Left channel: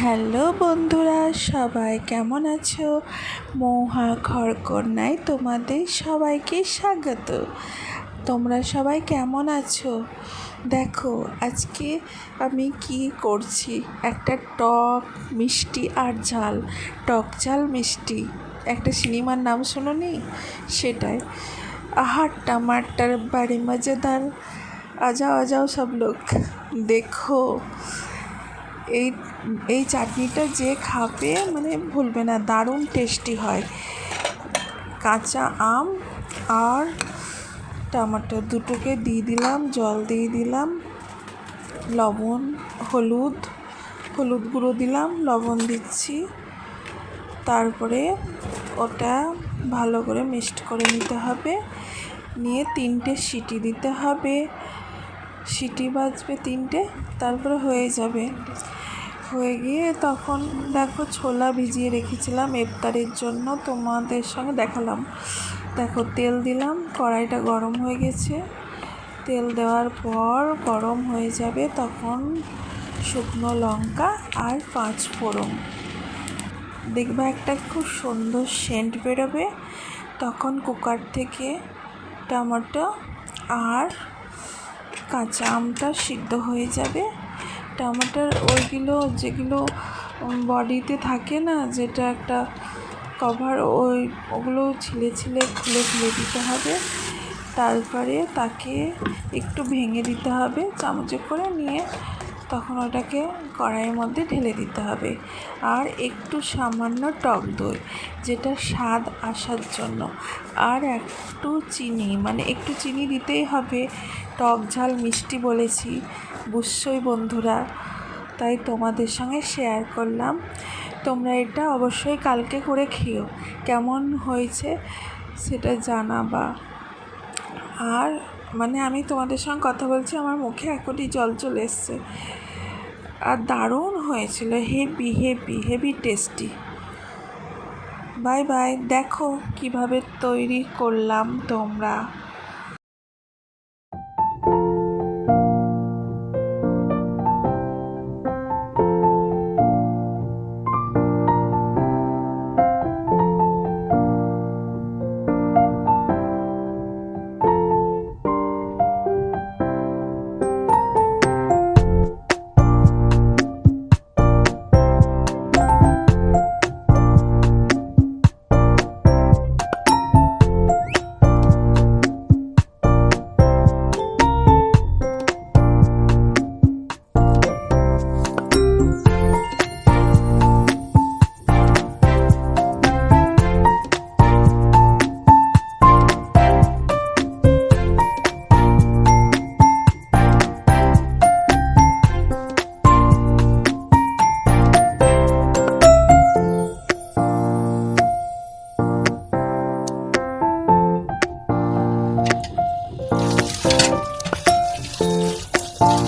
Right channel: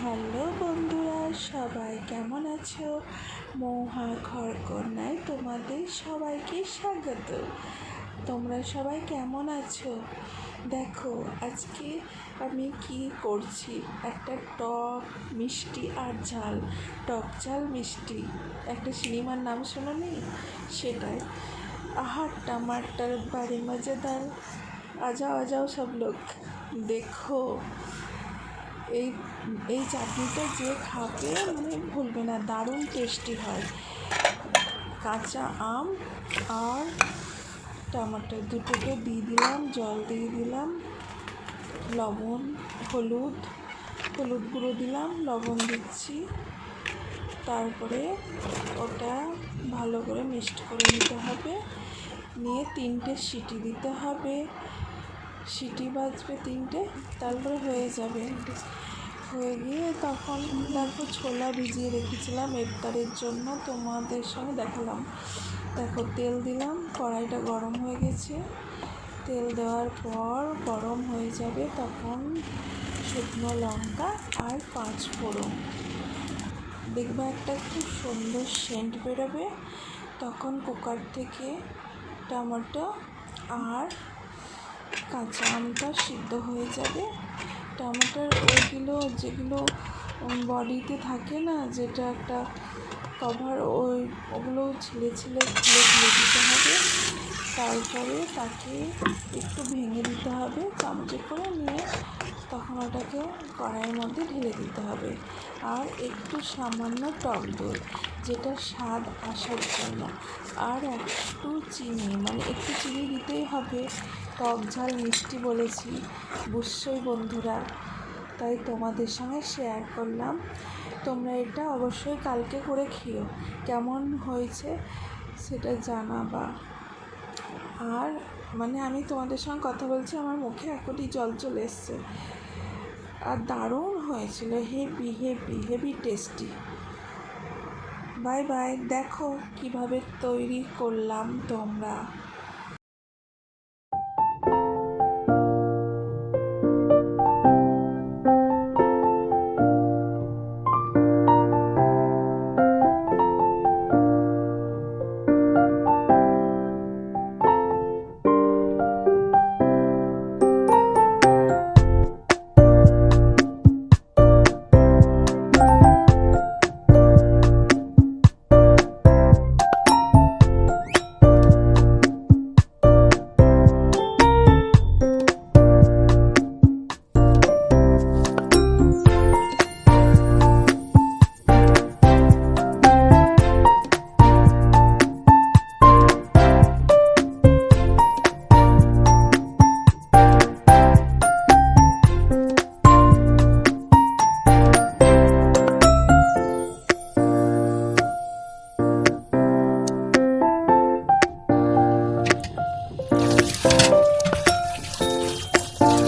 Hello বন্ধুরা, সবাই কেমন আছো? মৌহা খড়কন্যায় তোমাদের সবাইকে স্বাগত। তোমরা সবাই কেমন আছো? দেখো, আজকে আমি কি করছি? একটা টক মিষ্টি আর ঝাল, টক ঝাল মিষ্টি। একটা সিনেমার নাম শোনো নি? সেটাই। আহার টামারটার বাড়ি মজাদার। আজাও আজাও সব লোক। দেখো এই এই চাটনিটা যে খাবে মানে ভুলবে না, দারুণ টেস্টি হয়। কাঁচা আম আর টমেটো দুটোকে দিয়ে দিলাম, জল দিয়ে দিলাম, লবণ, হলুদ হলুদ গুঁড়ো দিলাম, লবণ দিচ্ছি। তারপরে ওটা ভালো করে মিক্সড করে নিতে হবে। নিয়ে তিনটে সিটি দিতে হবে। সিটি বাজবে তিনটে, তারপরে হয়ে যাবে। হয়ে গিয়ে তখন দেখো ছোলা ভিজিয়ে রেখেছিলাম ইফতারের জন্য, তোমাদের সঙ্গে দেখালাম। দেখো তেল দিলাম, কড়াইটা গরম হয়ে গেছে। তেল দেওয়ার পর গরম হয়ে যাবে তখন শুকনো লঙ্কা আর পাঁচ ফোড়ন। দেখবে একটা খুব সুন্দর সেন্ট বেরোবে। তখন কুকার থেকে টমেটো আর কাঁচা আমটা সিদ্ধ হয়ে যাবে। টমেটোর ওইগুলো, যেগুলো বডিতে থাকে না, যেটা একটা কভার ওই, ওগুলো ছিলে ছিলে খুলে খুলে দিতে হবে। তারপরে তাকে একটু ভেঙে দিতে হবে, চামচে করে নিয়ে তখন ওটাকে কড়াইয়ের মধ্যে ঢেলে দিতে হবে। আর একটু সামান্য টক দই, যেটা স্বাদ আসার জন্য। আর একটু চিনি মানে একটু চিনি দিতেই হবে। টক ঝাল মিষ্টি বলেছি। বুঝছই বন্ধুরা, তাই তোমাদের সঙ্গে শেয়ার করলাম। তোমরা এটা অবশ্যই কালকে করে খেও কেমন হয়েছে সেটা জানাবা। আর মানে আমি তোমাদের সঙ্গে কথা বলছি, আমার মুখে এখনই জল চলে এসছে। আর দারুণ হয়েছিল, heavy heavy heavy tasty. Bye bye, দেখো কীভাবে তৈরি করলাম তোমরা। Bye.